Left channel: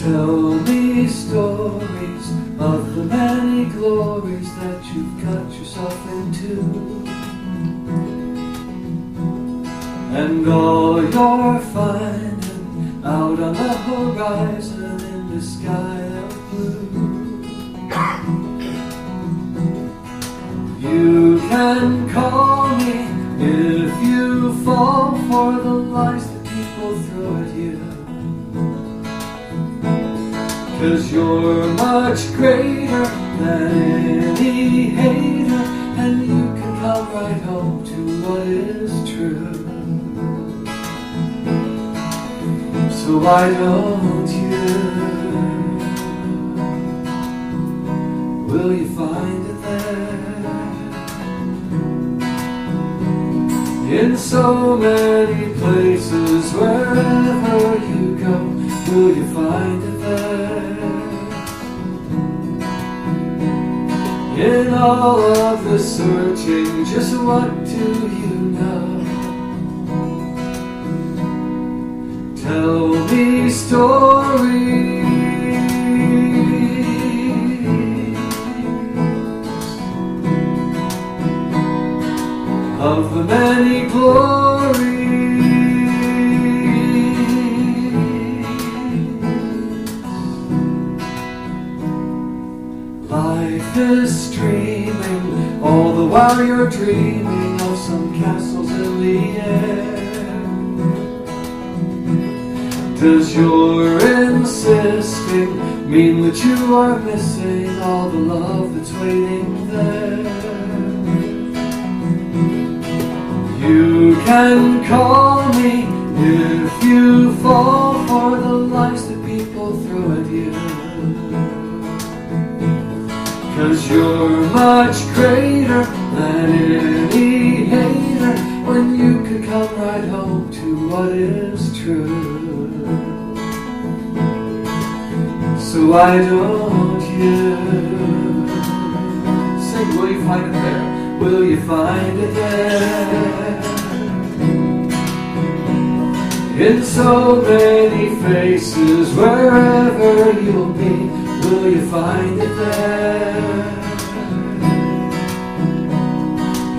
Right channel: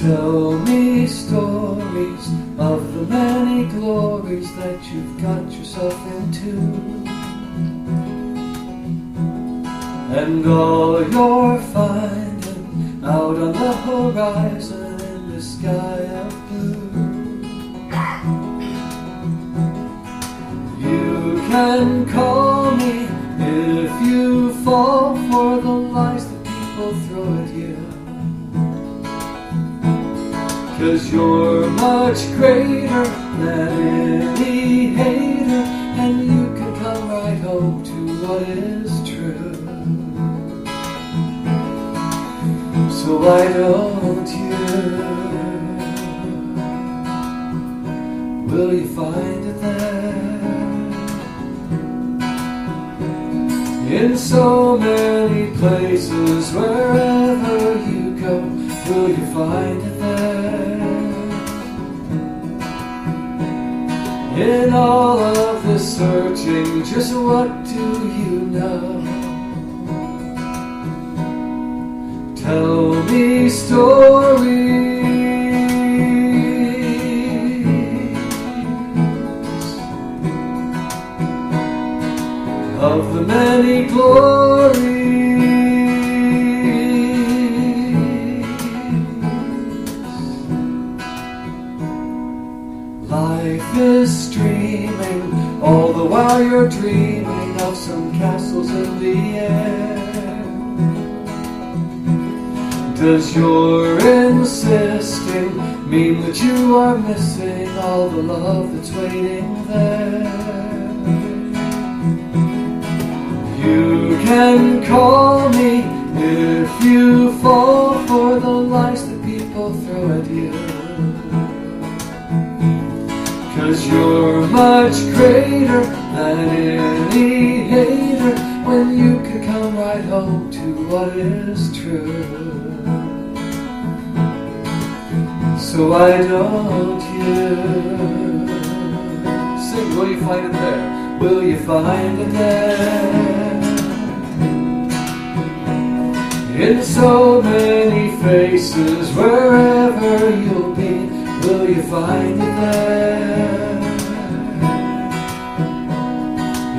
Tell me stories of the many glories that you've got yourself into, and all you're finding out on the horizon in the sky of blue. You can call me if you fall for the lies that people throw at you, 'cause you're much greater than any hater, and you can come right home to what is true. So why don't you? Will you find it there? In so many places, wherever you go, will you find it there? In all of the searching, just what do you know? Tell me stories of the many glories. Life is streaming all the while you're dreaming of some castles in the air. Does your insisting mean that you are missing all the love that's waiting there? You can call me if you fall for the lies that people throw at you, 'cause you're much greater than any hater, when you can come right home to what is true. So why don't you sing? Will you find it there? Will you find it there? In so many faces, wherever you'll be, will you find it there?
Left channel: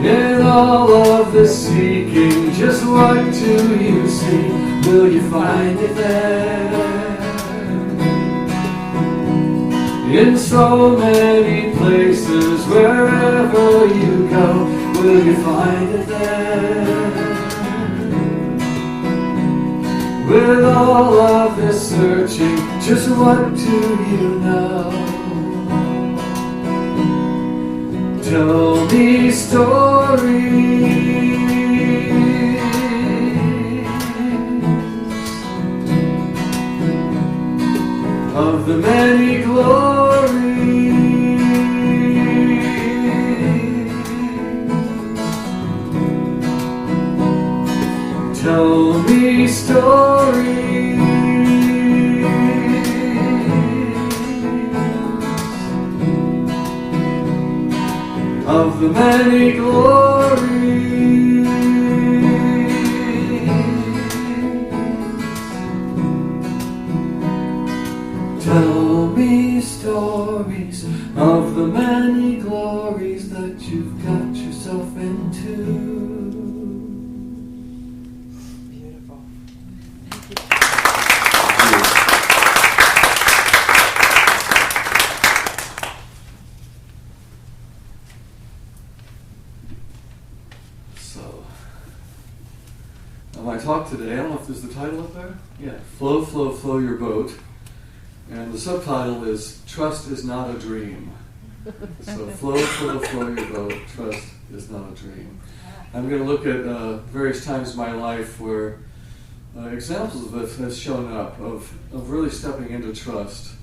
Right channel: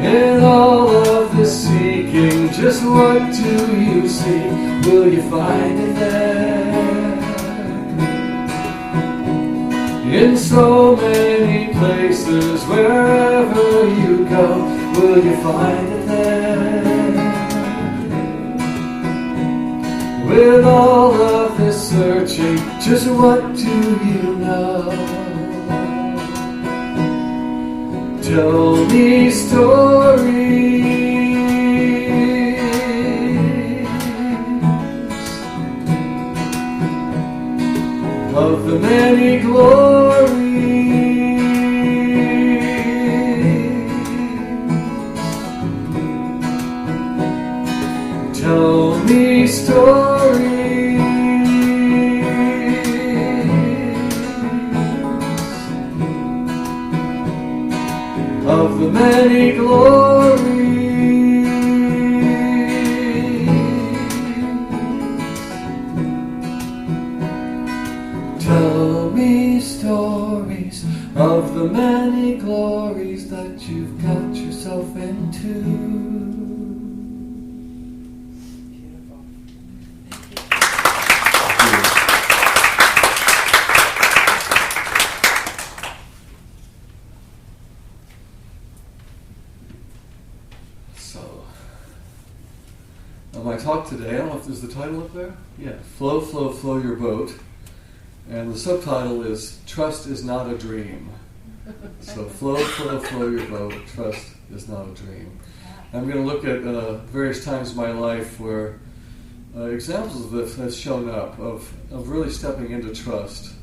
In all of the seeking, just what do you see? Will you find it there? In so many places, wherever you go, will you find it there? With all of this searching, just what do you know? Tell me stories of the many glories. Tell me stories of the many glories. Tell me stories of the many glories that you've got yourself into. My talk today, I don't know if there's the title up there? Yeah, Flow, Flow, Flow Your Boat. And the subtitle is Trust is Not a Dream. So flow, flow, flow your boat, trust is not a dream. I'm going to look at various times in my life where examples of this has shown up, of really stepping into trust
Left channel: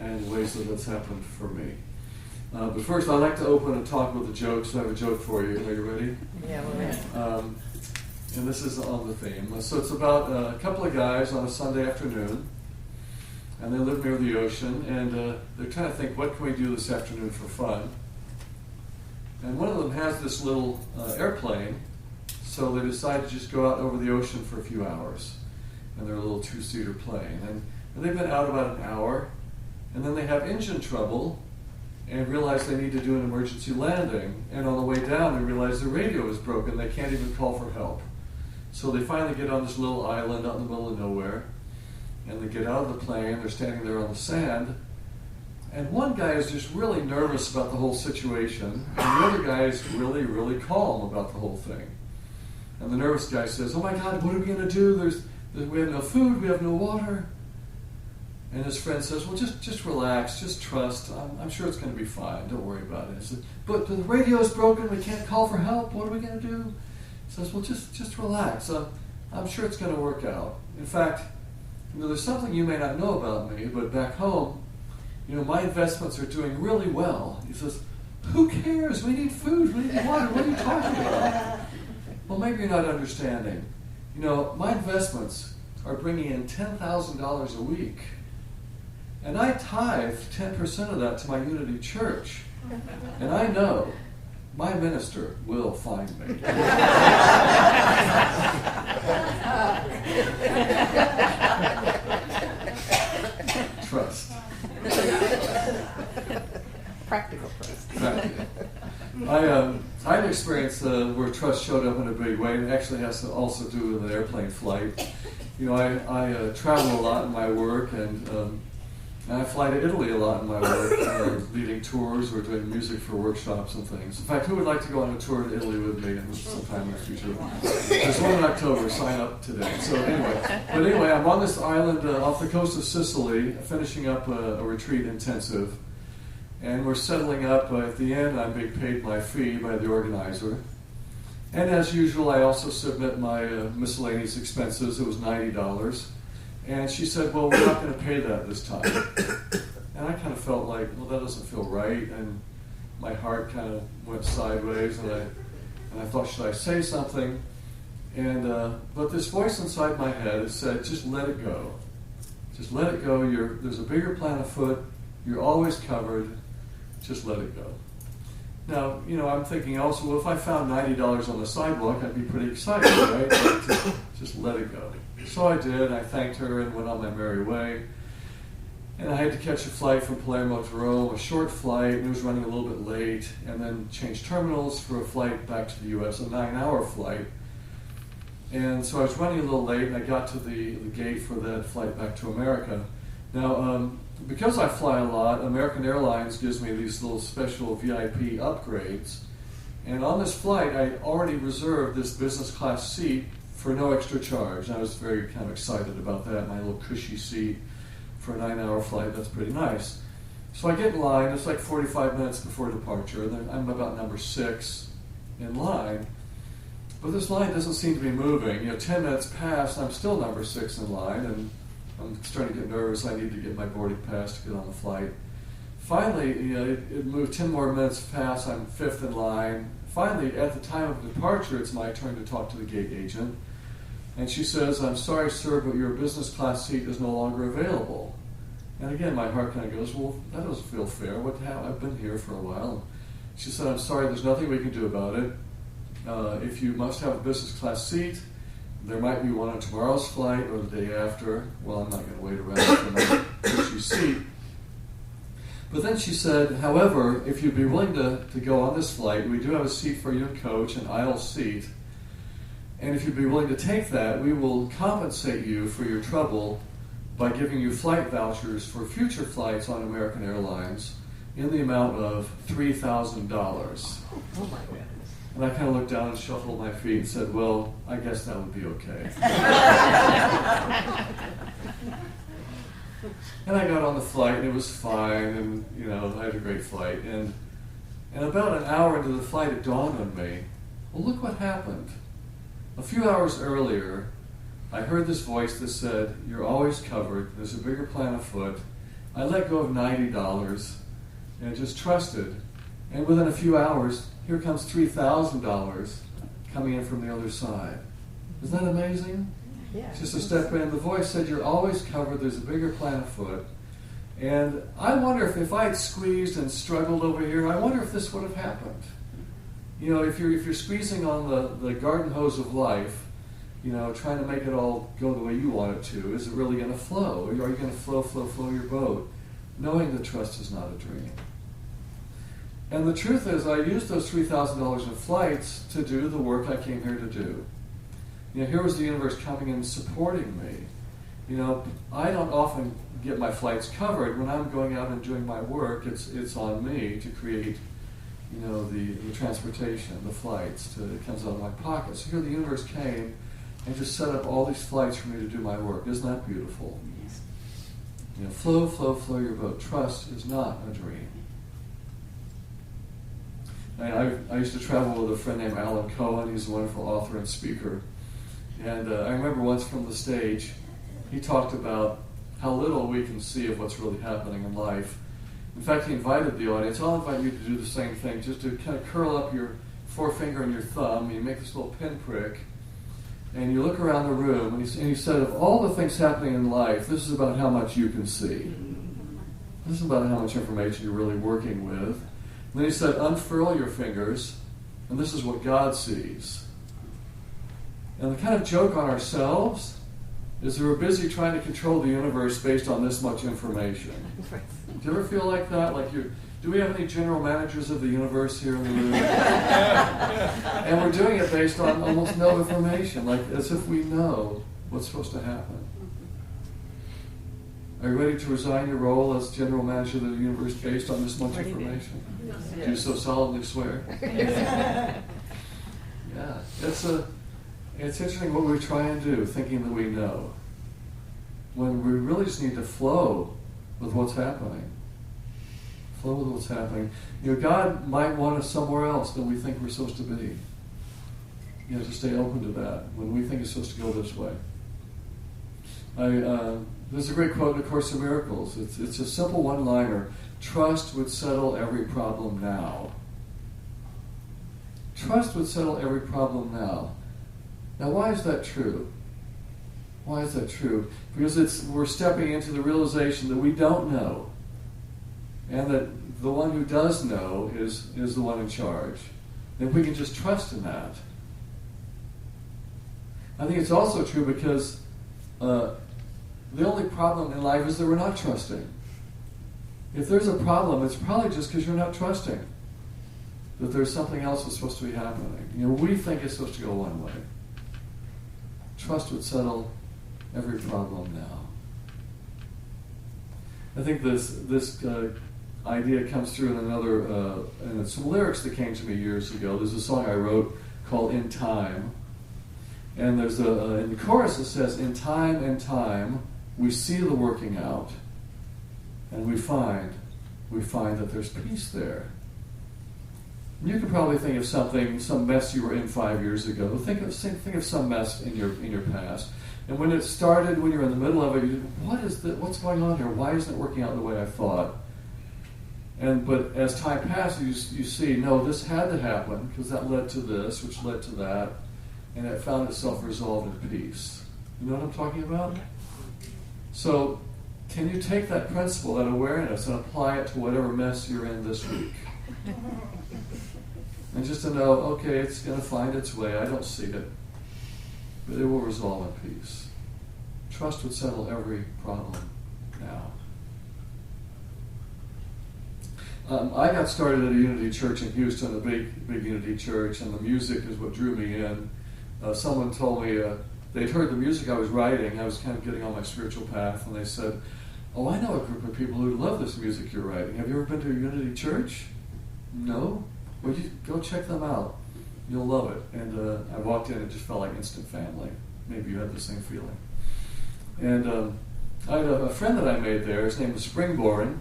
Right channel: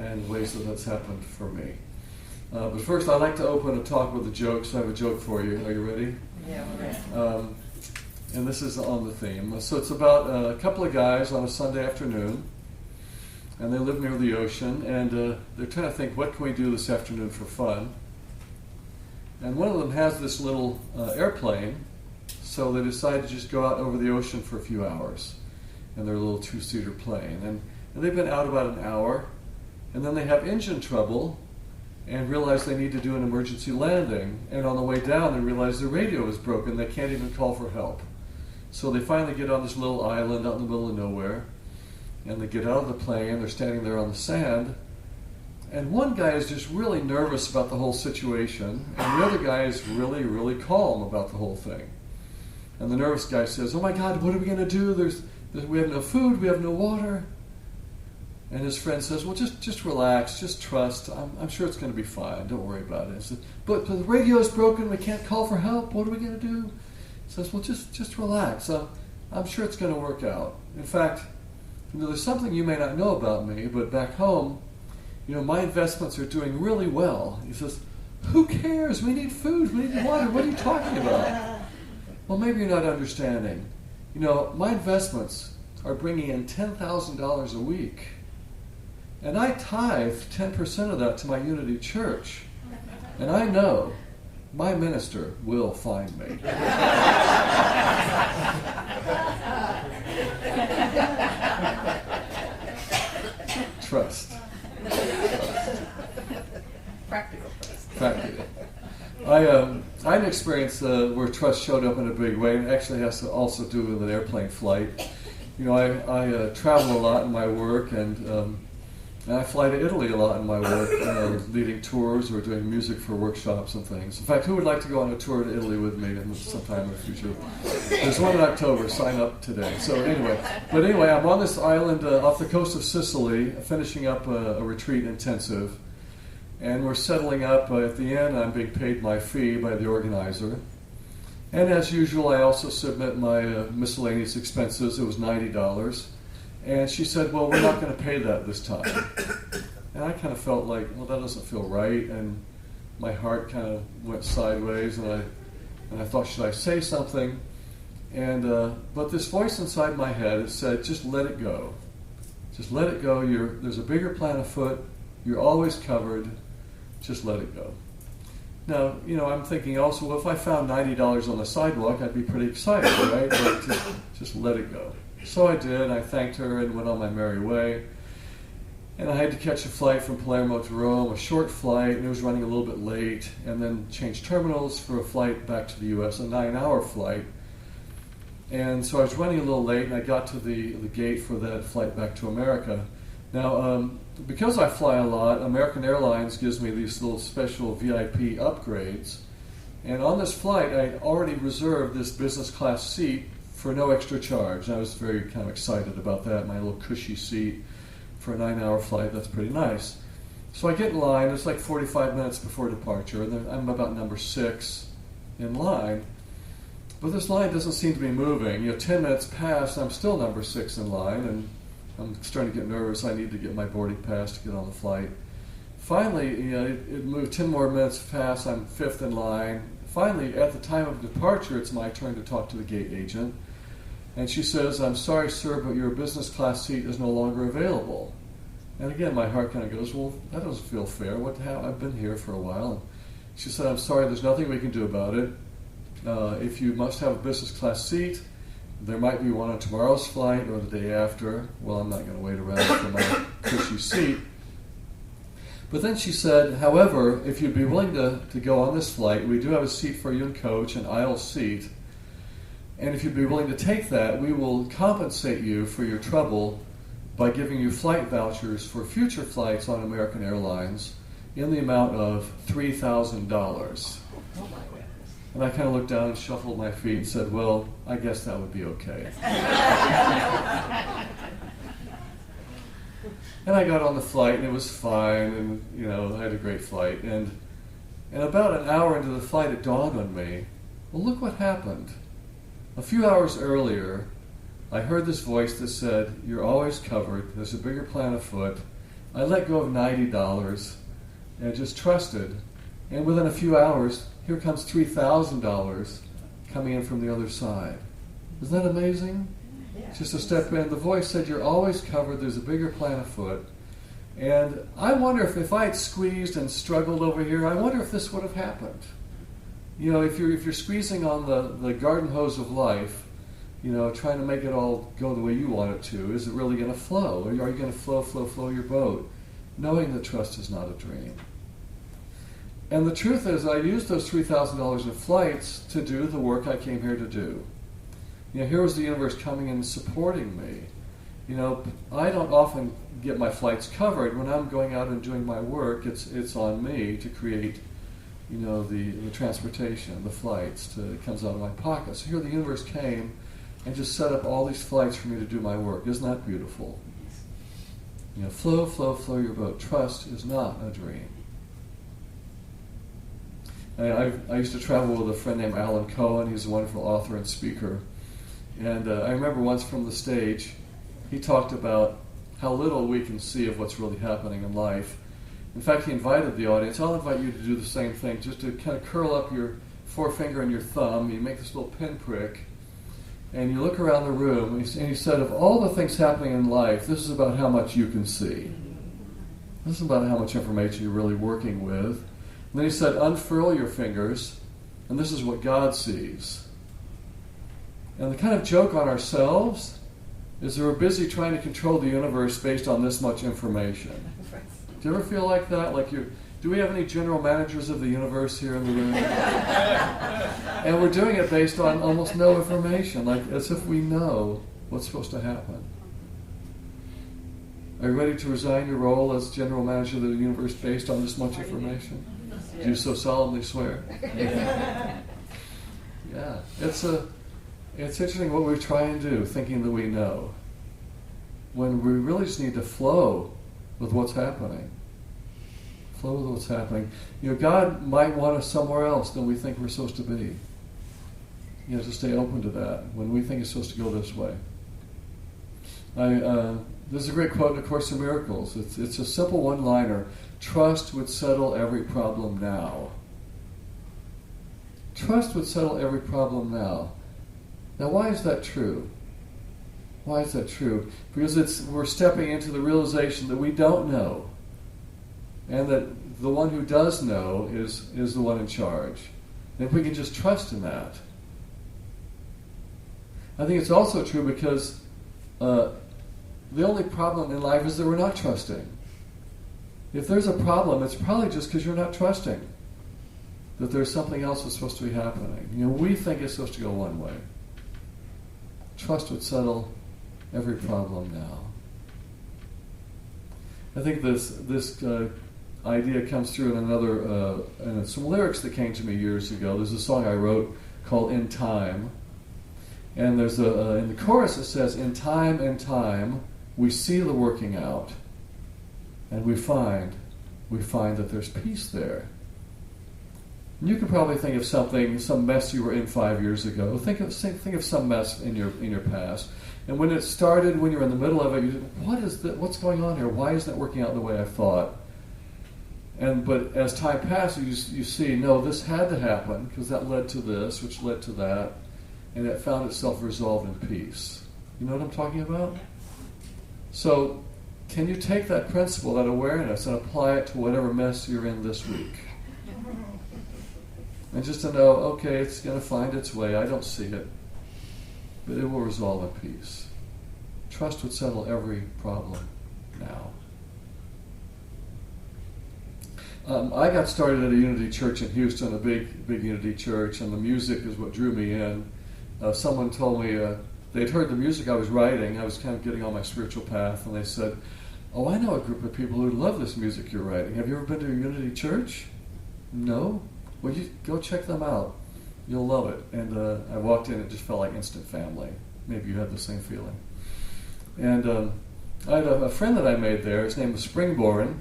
and ways that that's happened for me. But first I'd like to open a talk with a joke, so I have a joke for you. Are you ready? Yeah, we're ready. And this is on the theme. So it's about a couple of guys on a Sunday afternoon, and they live near the ocean, and they're trying to think, what can we do this afternoon for fun? And one of them has this little airplane, so they decide to just go out over the ocean for a few hours in their little two-seater plane. And And they've been out about an hour, and then they have engine trouble and realize they need to do an emergency landing. And on the way down, they realize the radio is broken. They can't even call for help. So they finally get on this little island out in the middle of nowhere, and they get out of the plane. They're standing there on the sand, and one guy is just really nervous about the whole situation, and the other guy is really, really calm about the whole thing. And the nervous guy says, "Oh my God, what are we going to do? We have no food, we have no water." And his friend says, "Well, just relax, just trust. I'm sure it's going to be fine. Don't worry about it." He says, but the radio is broken. We can't call for help. What are we going to do? He says, "Well, just relax. I'm sure it's going to work out. In fact, there's something you may not know about me, but back home, my investments are doing really well." He says, "Who cares? We need food. We need water. What are you talking about?" Well, maybe you're not understanding. My investments are bringing in $10,000 a week. And I tithe 10% of that to my Unity Church. And I know my minister will find me. Trust. Practical trust. Practical. I had an experience where trust showed up in a big way, and it actually has to also do with an airplane flight. I travel a lot in my work, and I fly to Italy a lot in my work, leading tours or doing music for workshops and things. In fact, who would like to go on a tour to Italy with me sometime in the future? There's one in October. Sign up today. So anyway, I'm on this island off the coast of Sicily, finishing up a retreat intensive. And we're settling up at the end. I'm being paid my fee by the organizer. And as usual, I also submit my miscellaneous expenses. It was $90. And she said, "Well, we're not going to pay that this time." And I kind of felt like, well, that doesn't feel right. And my heart kind of went sideways. And I thought, should I say something? But this voice inside my head said, "Just let it go. Just let it go. There's a bigger plan afoot. You're always covered. Just let it go." Now, I'm thinking also, well, if I found $90 on the sidewalk, I'd be pretty excited, right? But just let it go. So I did. I thanked her and went on my merry way. And I had to catch a flight from Palermo to Rome, a short flight, and it was running a little bit late, and then change terminals for a flight back to the U.S., a 9-hour flight. And so I was running a little late, and I got to the gate for that flight back to America. Now, because I fly a lot, American Airlines gives me these little special VIP upgrades. And on this flight, I already reserved this business class seat for no extra charge. I was very kind of excited about that, my little cushy seat for a 9-hour flight. That's pretty nice. So I get in line. It's like 45 minutes before departure. And I'm about number 6 in line. But this line doesn't seem to be moving. 10 minutes pass, and I'm still number 6 in line, and I'm starting to get nervous. I need to get my boarding pass to get on the flight. Finally, it moved 10 more minutes past. I'm 5th in line. Finally, at the time of departure, it's my turn to talk to the gate agent. And she says, "I'm sorry, sir, but your business class seat is no longer available." And again, my heart kind of goes, well, that doesn't feel fair. I've been here for a while. And she said, "I'm sorry, there's nothing we can do about it. If you must have a business class seat, there might be one on tomorrow's flight or the day after." Well, I'm not going to wait around for my cushy seat. But then she said, "However, if you'd be willing to go on this flight, we do have a seat for you in coach, an aisle seat. And if you'd be willing to take that, we will compensate you for your trouble by giving you flight vouchers for future flights on American Airlines in the amount of $3,000. Oh my goodness. And I kind of looked down and shuffled my feet and said, "Well, I guess that would be okay." And I got on the flight, and it was fine, and I had a great flight. And about an hour into the flight, it dawned on me, well, look what happened. A few hours earlier, I heard this voice that said, "You're always covered. There's a bigger plan afoot." I let go of $90 and just trusted. And within a few hours, here comes $3,000 coming in from the other side. Isn't that amazing? Yeah. Just a step in. The voice said, "You're always covered. There's a bigger plan afoot." And I wonder if I had squeezed and struggled over here, I wonder if this would have happened. If you're squeezing on the garden hose of life, trying to make it all go the way you want it to. Is it really going to flow? Or are you going to flow your boat? Knowing that trust is not a dream. And the truth is, I used those $3,000 in flights to do the work I came here to do. Here was the universe coming and supporting me. I don't often get my flights covered. When I'm going out and doing my work, it's on me to create, the transportation, the flights. It comes out of my pocket. So here the universe came and just set up all these flights for me to do my work. Isn't that beautiful? Flow your boat. Trust is not a dream. I used to travel with a friend named Alan Cohen. He's a wonderful author and speaker. And I remember once from the stage, he talked about how little we can see of what's really happening in life. In fact, he invited the audience. I'll invite you to do the same thing, just to kind of curl up your forefinger and your thumb. You make this little pinprick, and you look around the room, and he said, of all the things happening in life, this is about how much you can see. This is about how much information you're really working with. And then he said, unfurl your fingers, and this is what God sees. And the kind of joke on ourselves is that we're busy trying to control the universe based on this much information. Do you ever feel like that? Do we have any general managers of the universe here in the room? And we're doing it based on almost no information, as if we know what's supposed to happen. Are you ready to resign your role as general manager of the universe based on this much information? Do you so solemnly swear? Yeah. It's interesting what we try and do, thinking that we know, when we really just need to flow with what's happening. Flow with what's happening. God might want us somewhere else than we think we're supposed to be. To stay open to that when we think it's supposed to go this way. There's a great quote in A Course in Miracles. It's a simple one-liner. Trust would settle every problem now. Trust would settle every problem now. Now, why is that true? Why is that true? Because we're stepping into the realization that we don't know, and that the one who does know is the one in charge. And we can just trust in that. I think it's also true because the only problem in life is that we're not trusting. If there's a problem, it's probably just because you're not trusting that there's something else that's supposed to be happening. We think it's supposed to go one way. Trust would settle every problem now. I think this idea comes through in some lyrics that came to me years ago. There's a song I wrote called "In Time," and there's in the chorus it says, in time, we see the working out, and we find that there's peace there." And you could probably think of some mess you were in 5 years ago. Think of some mess in your past. And when it started, when you're in the middle of it, you think, what's going on here? Why isn't it working out the way I thought? But as time passes, you see, no, this had to happen because that led to this, which led to that, and it found itself resolved in peace. You know what I'm talking about? So, can you take that principle, that awareness, and apply it to whatever mess you're in this week? And just to know, okay, it's going to find its way. I don't see it, but it will resolve in peace. Trust would settle every problem now. I got started at a Unity Church in Houston, a big Unity Church, and the music is what drew me in. Someone told me they'd heard the music I was writing. I was kind of getting on my spiritual path, and they said, "Oh, I know a group of people who love this music you're writing. Have you ever been to a Unity Church?" "No." "Well, you go check them out. You'll love it." And I walked in and it just felt like instant family. Maybe you had the same feeling. And I had a friend that I made there. His name was Springborn,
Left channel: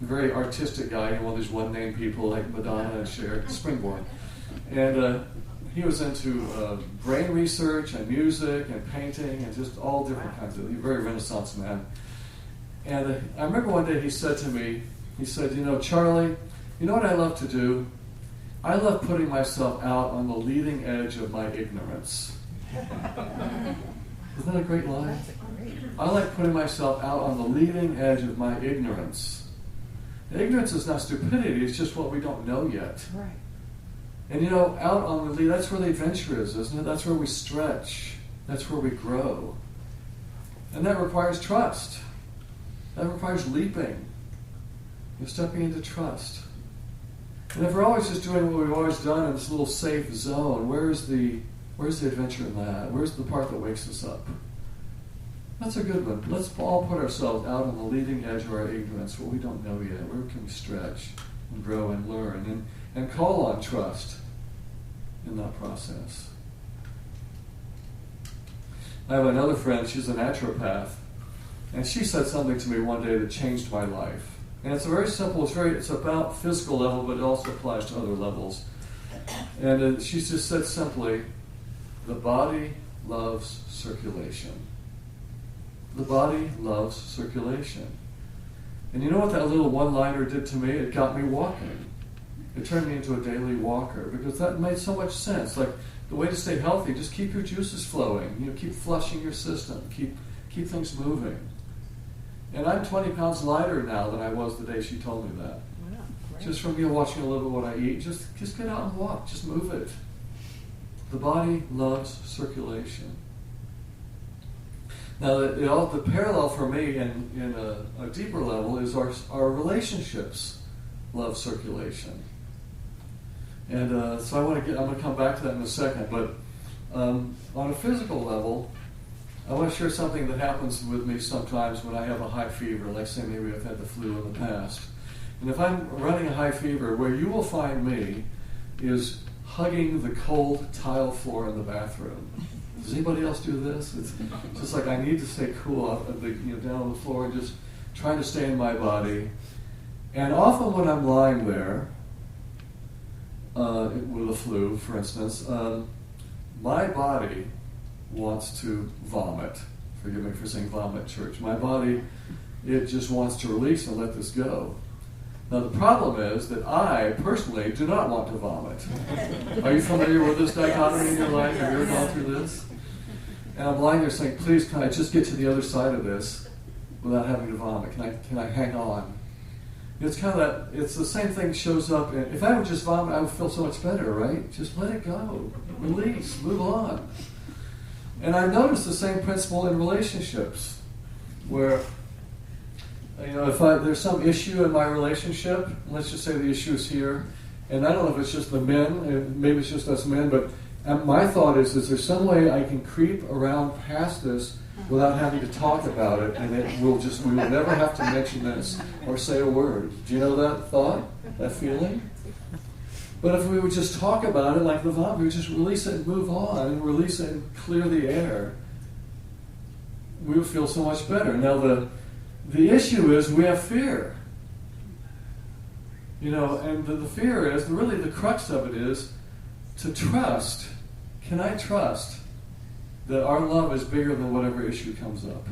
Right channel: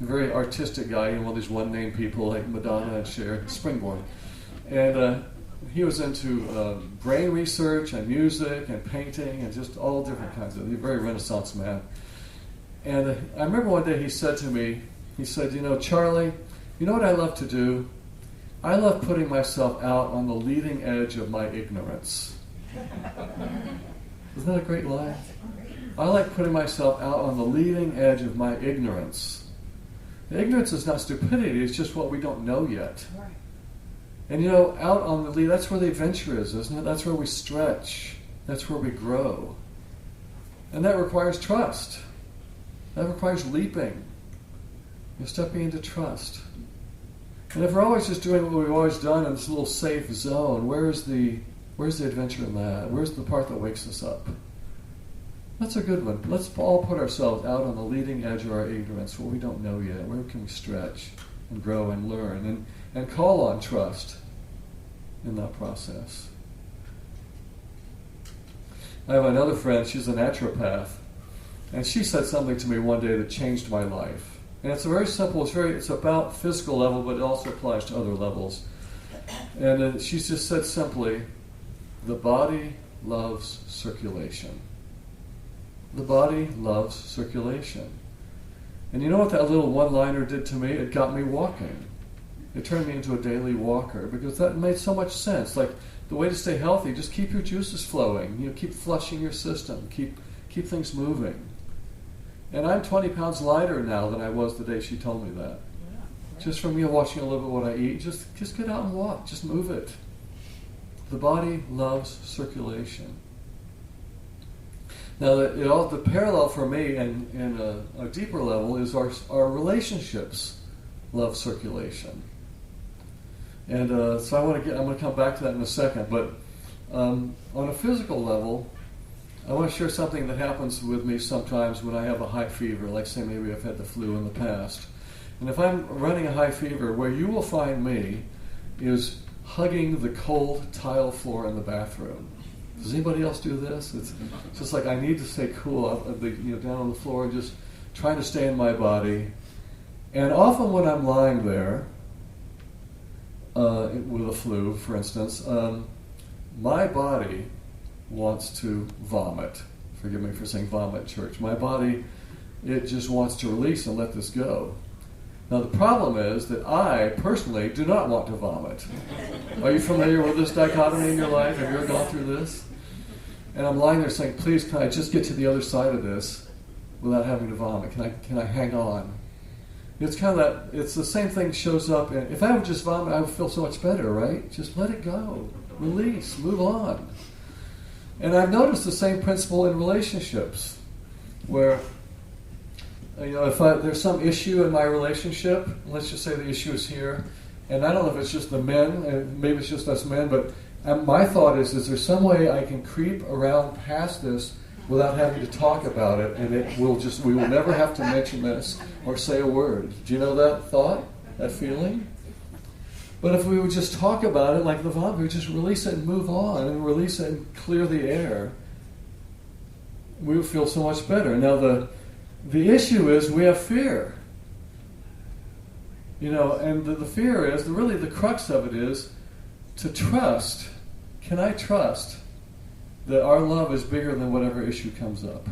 a very artistic guy, one of these one-name people like Madonna and Cher. Springborn. And he was into brain research and music and painting and just all different kinds of, very Renaissance man. And I remember one day he said to me, "Charley, you know what I love to do? I love putting myself out on the leading edge of my ignorance." Isn't that a great line? I like putting myself out on the leading edge of my ignorance. Ignorance is not stupidity, it's just what we don't know yet. Right. And out on the lead, that's where the adventure is, isn't it? That's where we stretch. That's where we grow. And that requires trust. That requires leaping. You're stepping into trust. And if we're always just doing what we've always done in this little safe zone, where's the adventure in that? Where's the part that wakes us up? That's a good one. Let's all put ourselves out on the leading edge of our ignorance, what we don't know yet. Where can we stretch and grow and learn and call on trust in that process? I have another friend, she's a naturopath, and she said something to me one day that changed my life. And it's a very simple, it's about physical level, but it also applies to other levels. And she just said simply, the body loves circulation. The body loves circulation. And you know what that little one-liner did to me? It got me walking. It turned me into a daily walker, because that made so much sense. Like, the way to stay healthy, just keep your juices flowing. Keep flushing your system. Keep things moving. And I'm 20 pounds lighter now than I was the day she told me that. Yeah, right. Just from watching a little bit what I eat, just get out and walk. Just move it. The body loves circulation. Now, the parallel for me in a deeper level is our relationships love circulation. And so I'm going to come back to that in a second. But on a physical level, I want to share something that happens with me sometimes when I have a high fever, like say maybe I've had the flu in the past. And if I'm running a high fever, where you will find me is hugging the cold tile floor in the bathroom. Does anybody else do this? It's just like I need to stay cool down on the floor and just trying to stay in my body. And often when I'm lying there, with a flu, for instance, my body wants to vomit. Forgive me for saying vomit, church. My body, it just wants to release and let this go. Now the problem is that I, personally, do not want to vomit. Are you familiar with this dichotomy in your life? Have you ever gone through this? And I'm lying there saying, please, can I just get to the other side of this without having to vomit? Can I hang on? It's kind of that, it's the same thing shows up, and if I would just vomit, I would feel so much better, right? Just let it go. Release. Move on. And I've noticed the same principle in relationships, where, if there's some issue in my relationship, let's just say the issue is here, and I don't know if it's just the men, and maybe it's just us men, but my thought is there some way I can creep around past this without having to talk about it, and we will never have to mention this or say a word. Do you know that thought, that feeling? But if we would just talk about it like the vomit, we would just release it and move on, and release it and clear the air, we would feel so much better. Now the issue is we have fear. And the fear is, really the crux of it is to trust. Can I trust that our love is bigger than whatever issue comes up?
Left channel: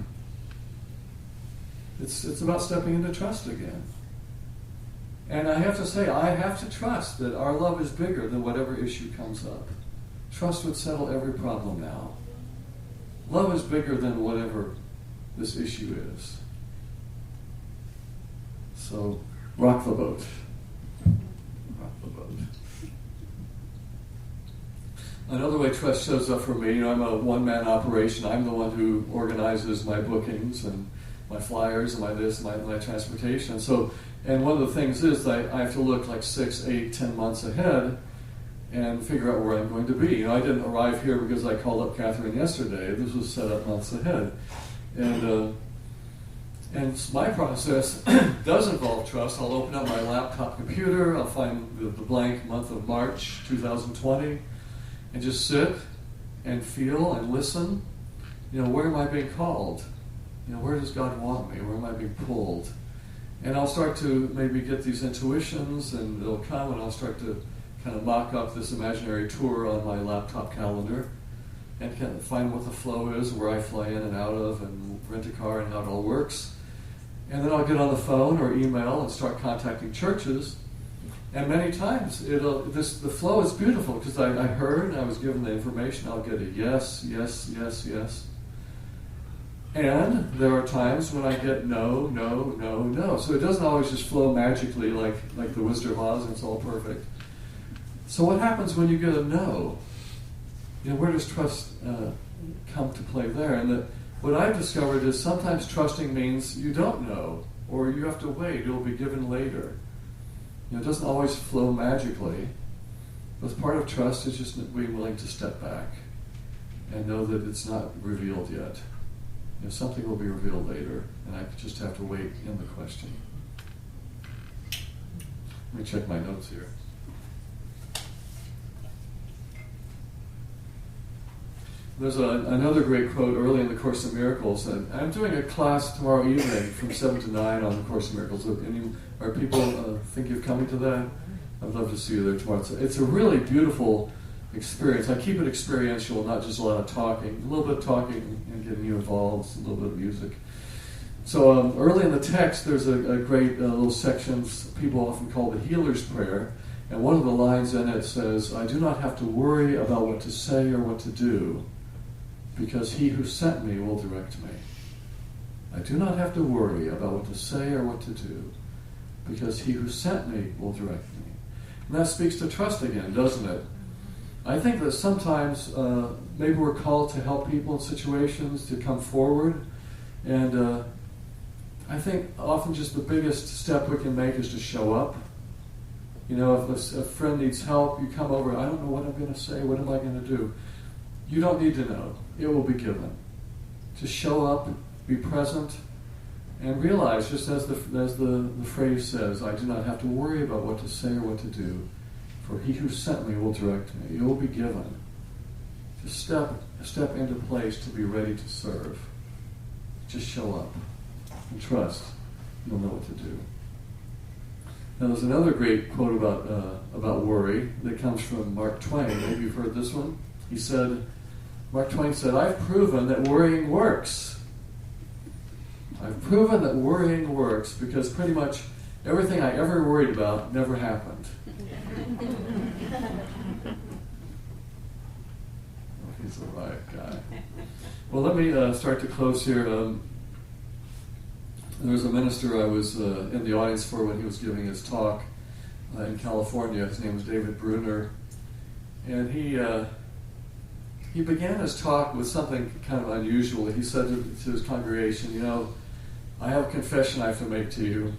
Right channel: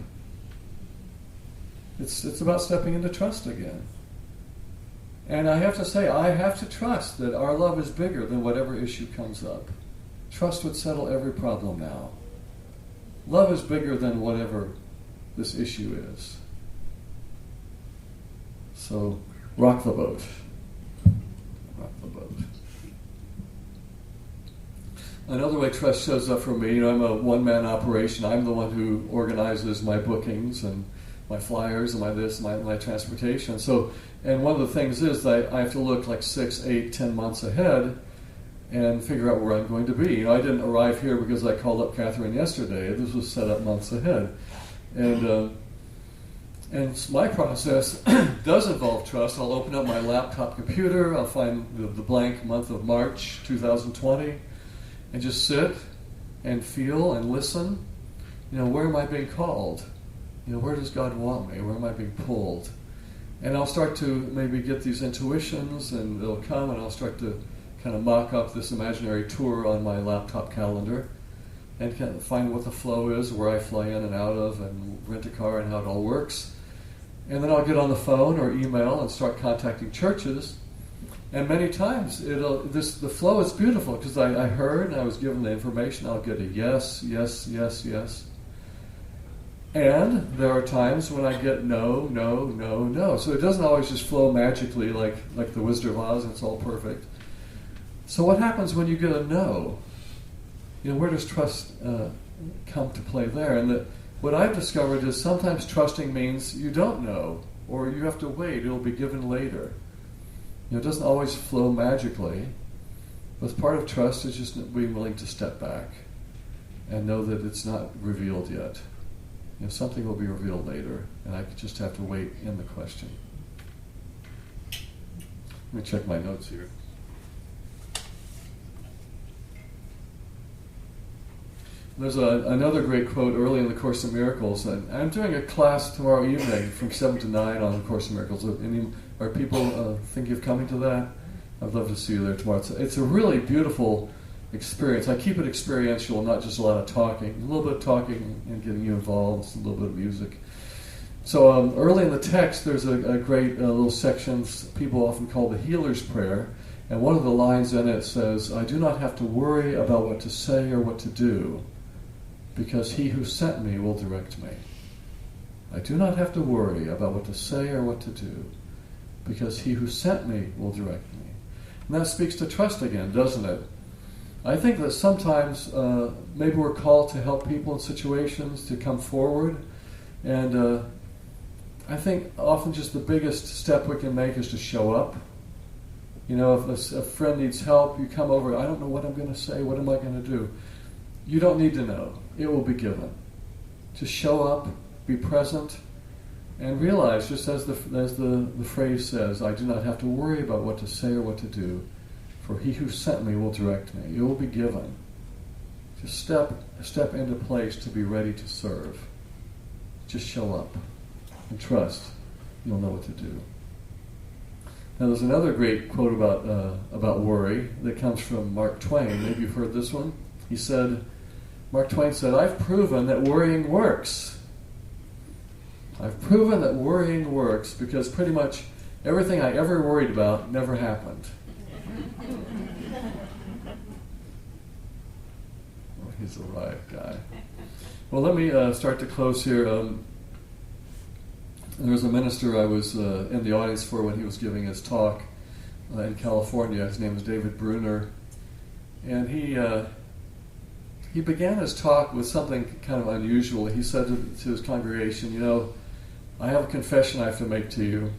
It's about stepping into trust again. And I have to say, I have to trust that our love is bigger than whatever issue comes up. Trust would settle every problem now. Love is bigger than whatever this issue is. So, rock the boat. Rock the boat. Another way trust shows up for me, I'm a one-man operation. I'm the one who organizes my bookings and my flyers and my transportation. And one of the things is that I have to look like 6, 8, 10 months ahead and figure out where I'm going to be. I didn't arrive here because I called up Catherine yesterday. This was set up months ahead. And my process does involve trust. I'll open up my laptop computer, I'll find the blank month of March 2020, and just sit and feel and listen. Where am I being called? Where does God want me? Where am I being pulled? And I'll start to maybe get these intuitions, and they'll come, and I'll start to kind of mock up this imaginary tour on my laptop calendar and kind of find what the flow is, where I fly in and out of, and rent a car and how it all works. And then I'll get on the phone or email and start contacting churches. And many times the flow is beautiful, because I heard and I was given the information. I'll get a yes, yes, yes, yes. And there are times when I get no, no, no, no. So it doesn't always just flow magically like the Wizard of Oz and it's all perfect. So what happens when you get a no? Where does trust come to play there. And that what I've discovered is sometimes trusting means you don't know, or you have to wait. It'll be given later. It doesn't always flow magically, but part of trust is just being willing to step back and know that it's not revealed yet. Something will be revealed later, and I just have to wait in the question. Let me check my notes here. There's another great quote early in the Course in Miracles, and I'm doing a class tomorrow evening from 7 to 9 on the Course in Miracles. Are people thinking of coming to that? I'd love to see you there tomorrow. It's a really beautiful experience. I keep it experiential, not just a lot of talking. A little bit of talking and getting you involved, a little bit of music. So early in the text, there's a great little section people often call the Healer's Prayer, and one of the lines in it says, "I do not have to worry about what to say or what to do, because he who sent me will direct me." I do not have to worry about what to say or what to do, because he who sent me will direct me. And that speaks to trust again, doesn't it? I think that sometimes maybe we're called to help people in situations, to come forward, and I think often just the biggest step we can make is to show up. If a friend needs help, you come over, I don't know what I'm going to say, what am I going to do? You don't need to know. It will be given. Just show up, be present, and realize, just as the phrase says, I do not have to worry about what to say or what to do, for he who sent me will direct me. It will be given. Just step into place to be ready to serve. Just show up and trust. You'll know what to do. Now there's another great quote about worry that comes from Mark Twain. Maybe you've heard this one. Mark Twain said, "I've proven that worrying works. I've proven that worrying works because pretty much everything I ever worried about never happened." Well, he's the right guy. Well, let me start to close here. There was a minister I was in the audience for when he was giving his talk in California. His name was David Bruner. And he began his talk with something kind of unusual. He said to his congregation, I have a confession I have to make to you.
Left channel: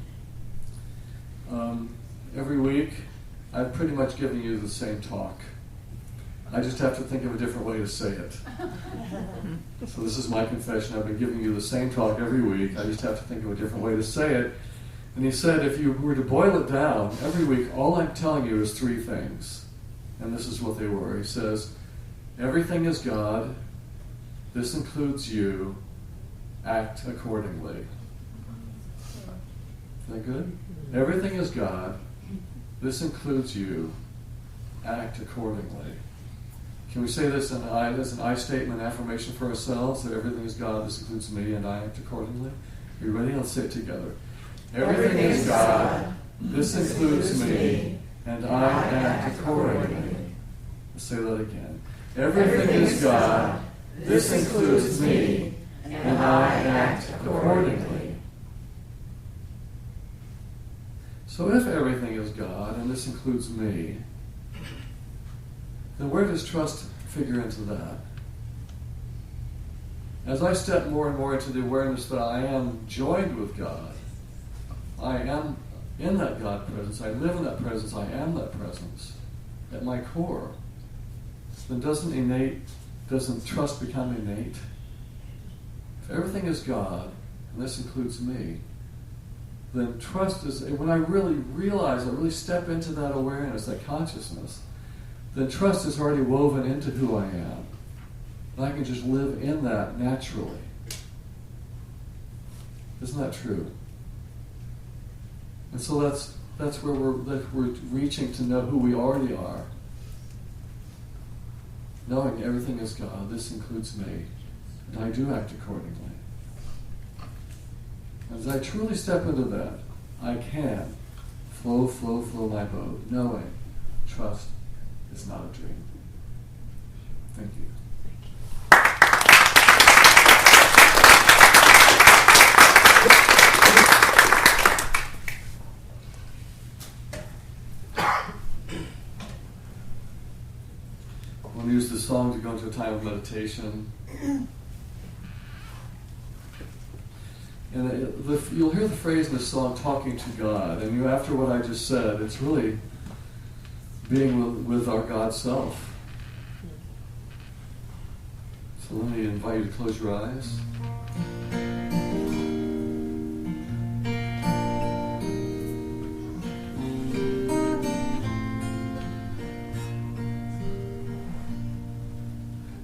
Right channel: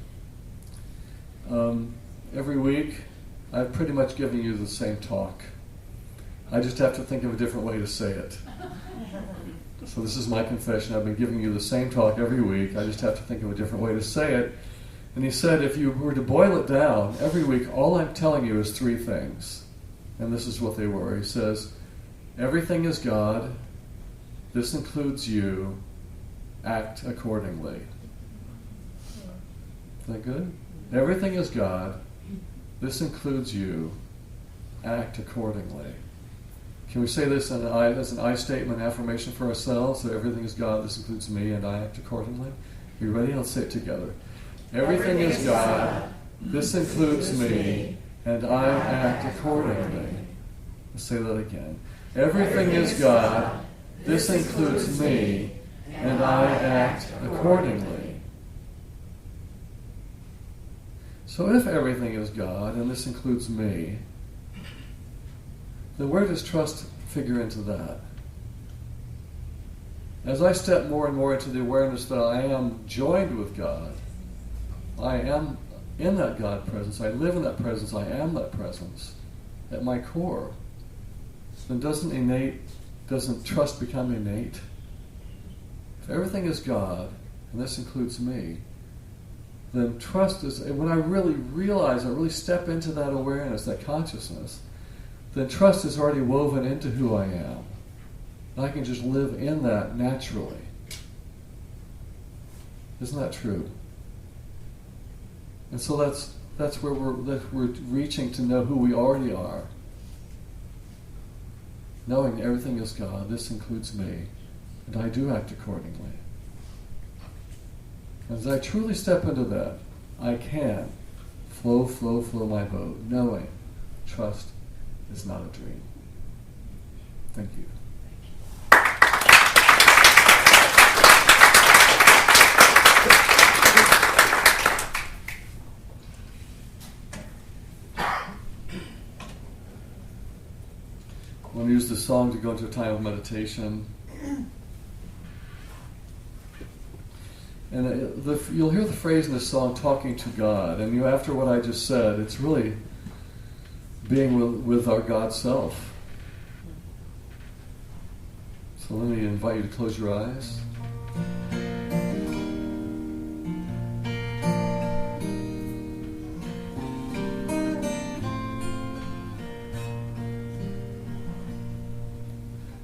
Every week, I've pretty much given you the same talk. I just have to think of a different way to say it. So this is my confession. I've been giving you the same talk every week. I just have to think of a different way to say it. And he said, if you were to boil it down, every week, all I'm telling you is 3 things. And this is what they were. He says, everything is God. This includes you. Act accordingly. Is that good? Everything is God. This includes you. Act accordingly. Can we say this as an I statement, affirmation for ourselves? So everything is God, this includes me, and I act accordingly. Are you ready? Let's say it together. Everything is God, this includes me, and I act accordingly. Let's say that again. Everything is God, this includes me, and I act accordingly. So if everything is God, and this includes me, then where does trust figure into that? As I step more and more into the awareness that I am joined with God, I am in that God presence, I live in that presence, I am that presence at my core, then doesn't trust become innate? If everything is God, and this includes me, then trust is, when I really realize, I really step into that awareness, that consciousness, then trust is already woven into who I am. And I can just live in that naturally. Isn't that true? And so that's where we're reaching to know who we already are. Knowing everything is God, this includes me, and I do act accordingly. As I truly step into that, I can flow my boat, knowing trust is not a dream. Thank you. I want to use this song to go into a time of meditation. And you'll hear the phrase in the song, talking to God. And after what I just said, it's really being with our God self. So let me invite you to close your eyes.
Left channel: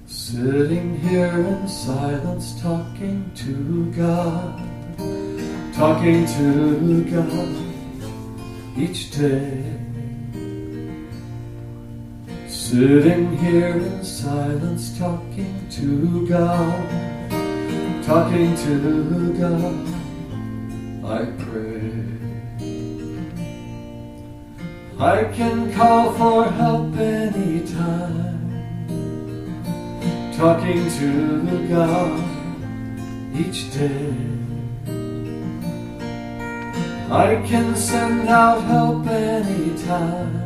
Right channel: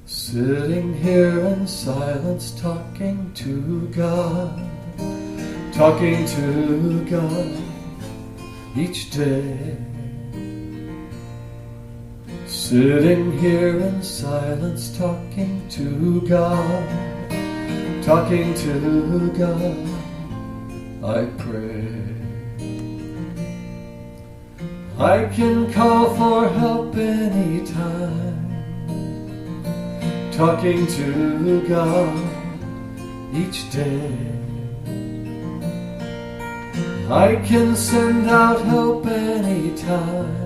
Sitting here in silence, talking to God each day. Sitting here in silence, talking to God, I pray. I can call for help anytime. Talking to God each day. I can send out help anytime.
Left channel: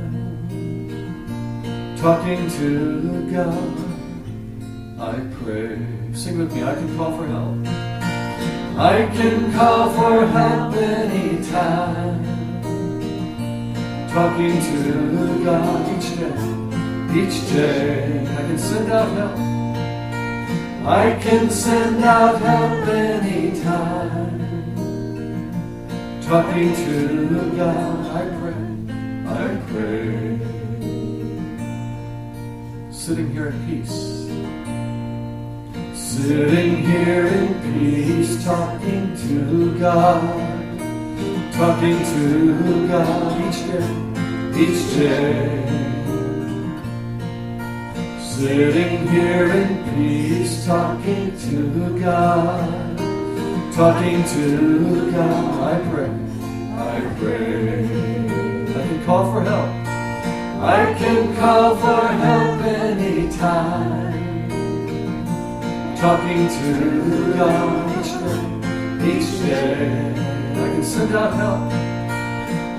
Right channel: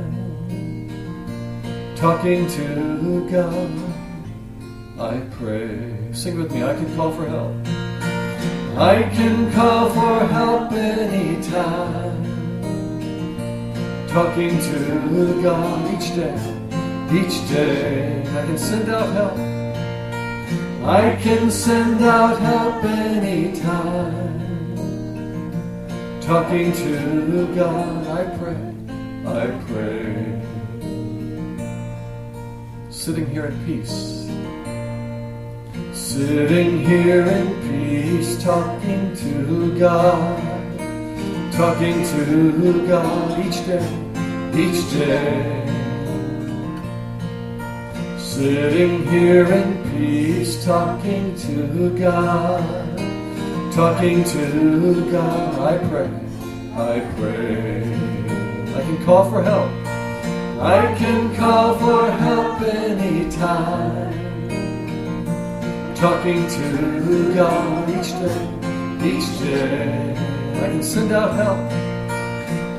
Talking to God, I pray. Sing with me, I can call for help. I can call for help anytime. Talking to God each day. I can send out help. I can send out help anytime. Talking to God, I pray. Sitting here in peace. Sitting here in peace, talking to God each day. Sitting here in peace, talking to God, I pray. I can call for help. I can call for help anytime. Talking to God each day. I can send out help.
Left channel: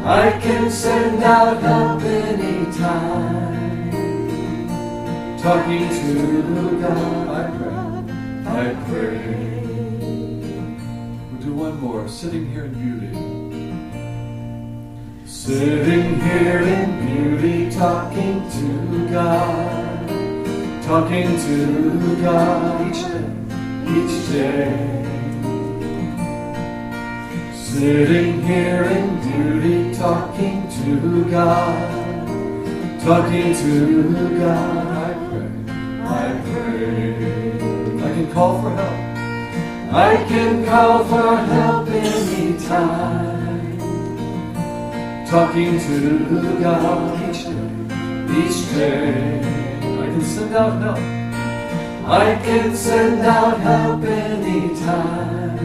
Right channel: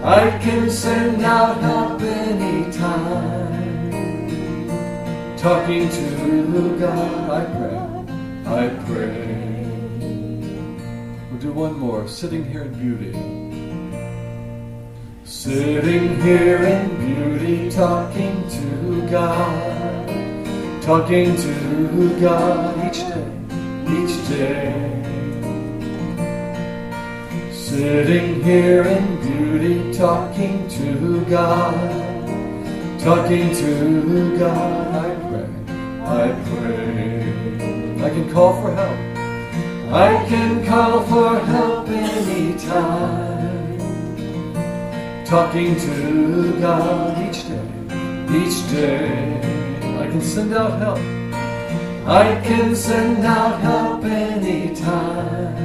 I can send out help anytime. Talking to God, I pray. We'll do one more. Sitting here in beauty. Sitting here in beauty, talking to God each day. Sitting here in beauty, talking to God, I pray. I can call for help. I can call for help anytime. Talking to God each day. I can send out help. I can send out help anytime.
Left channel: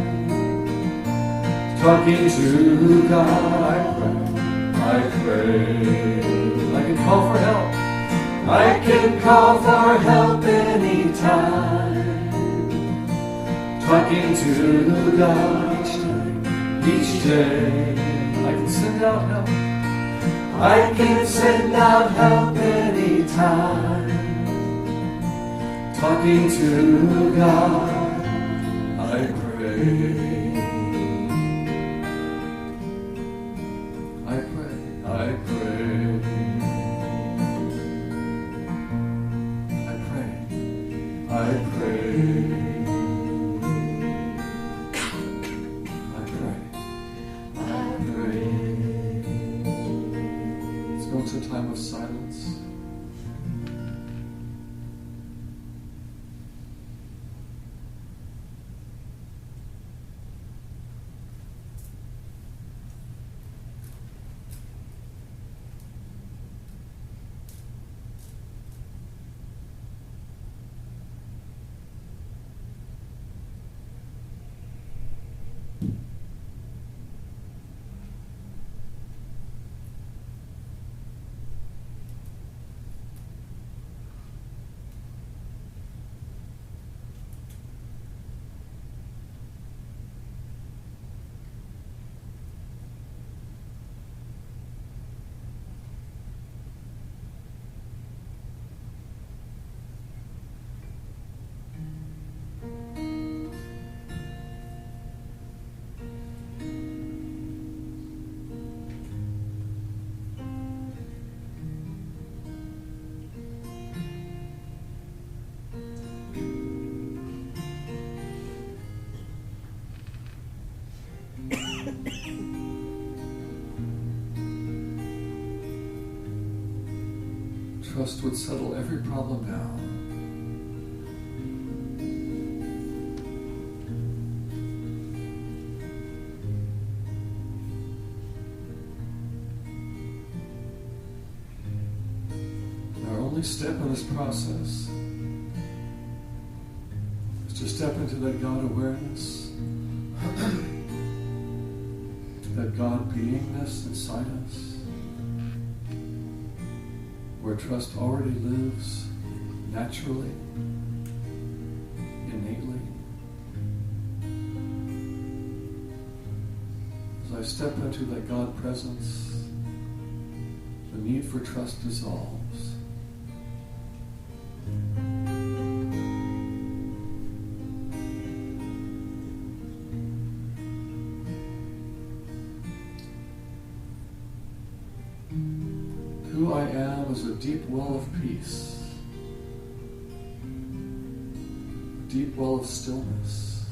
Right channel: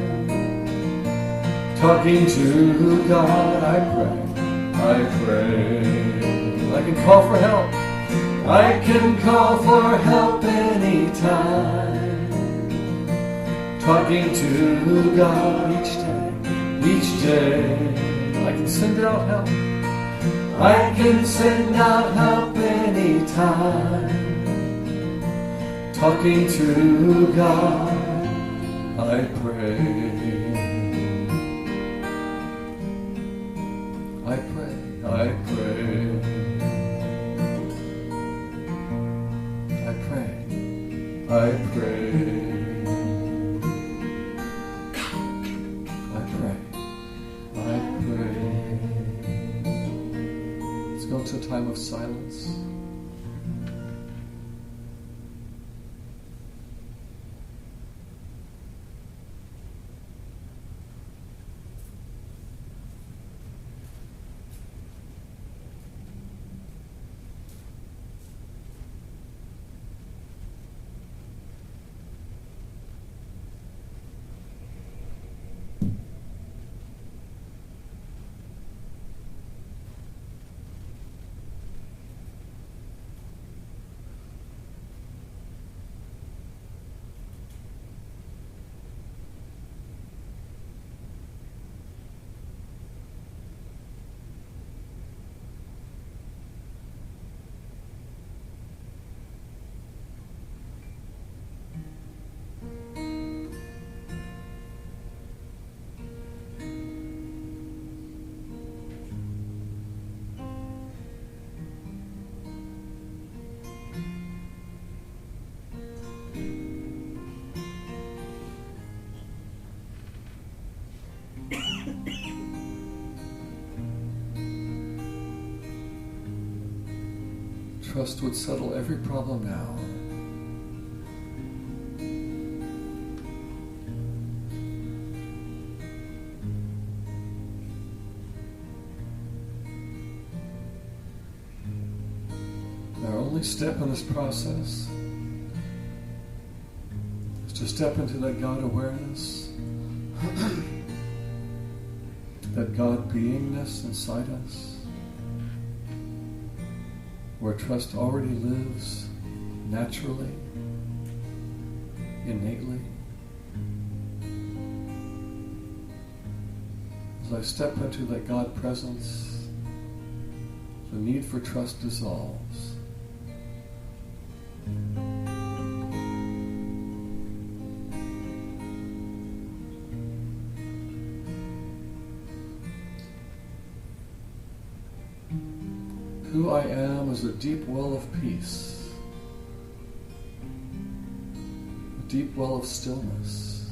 Talking to God, I pray. I can call for help. I can call for help anytime. Talking to God each day. I can send out help. I can send out help anytime. Talking to God, I pray. I pray. I pray. I pray. Let's go to a time of silence. trust would settle every problem now. Our only step in this process is to step into that God awareness, that God beingness inside us, where trust already lives naturally, innately. As I step into that God presence, the need for trust dissolves. Who I am is a deep well of peace, a deep well of stillness.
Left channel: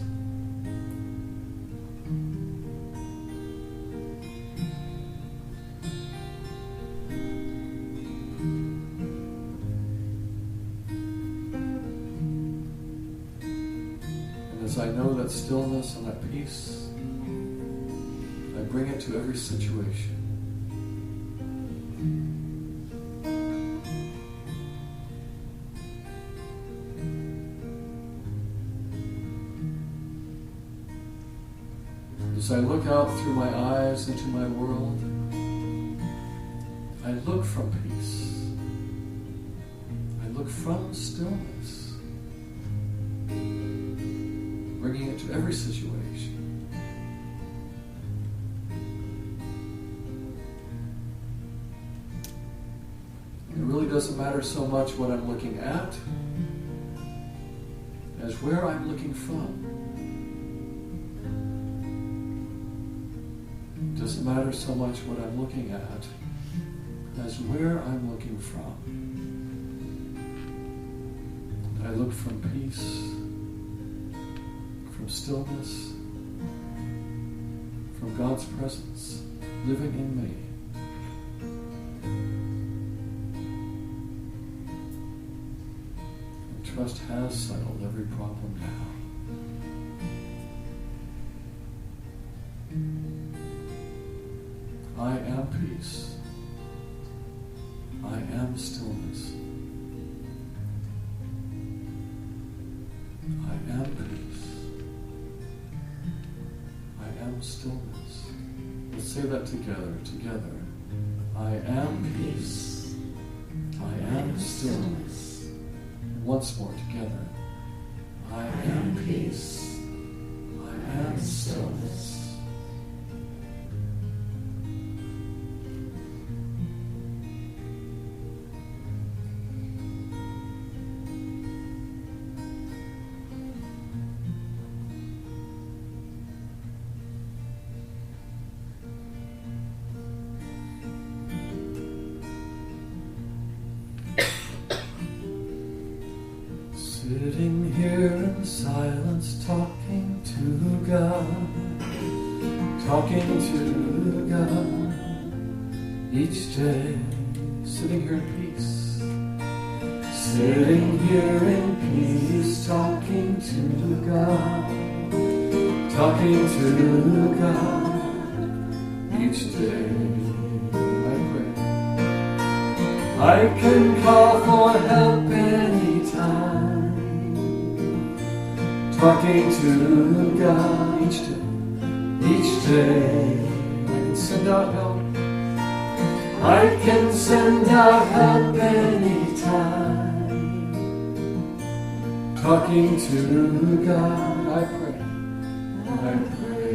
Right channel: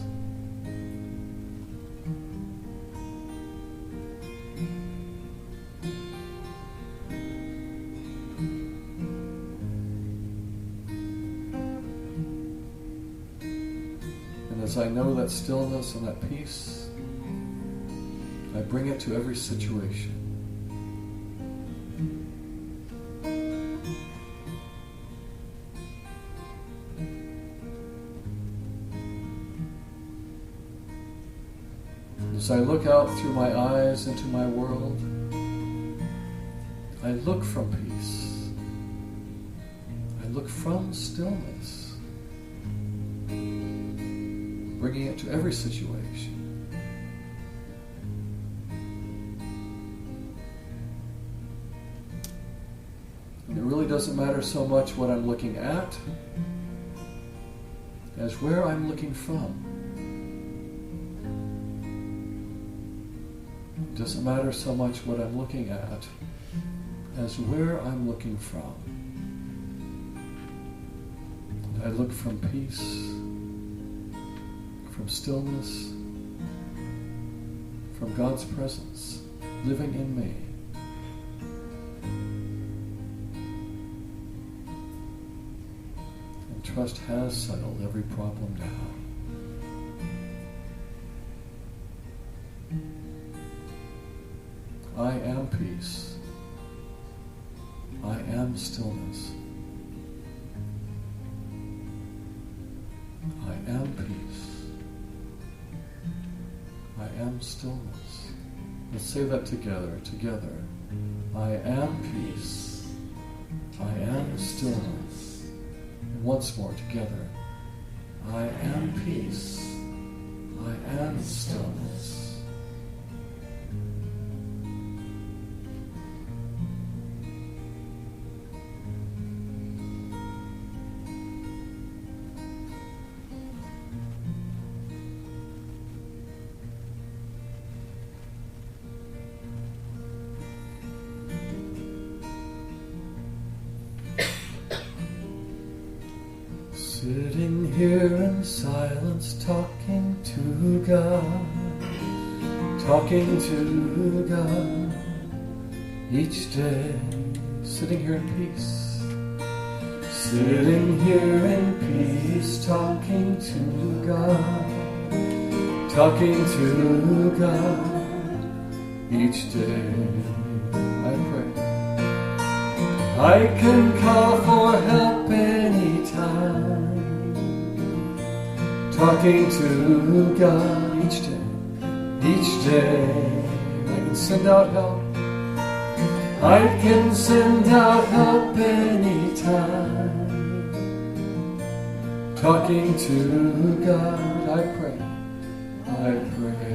And as I know that stillness and that peace, I bring it to every situation. As I look out through my eyes into my world, I look from peace. I look from stillness, bringing it to every situation. And it really doesn't matter so much what I'm looking at as where I'm looking from. It doesn't matter so much what I'm looking at as where I'm looking from. I look from peace, from stillness, from God's presence living in me. And trust has settled every problem now. I am peace. I am stillness. I am peace. I am stillness. Let's say that together. I am peace. I am stillness. And once more together. I am peace. I am stillness. Sitting here in silence, talking to God, each day, sitting here in peace, sitting here in peace, talking to God, each day, I pray. I can call for help anytime. Talking to God each day, I can send out help. I can send out help anytime. Talking to God, I pray. I pray.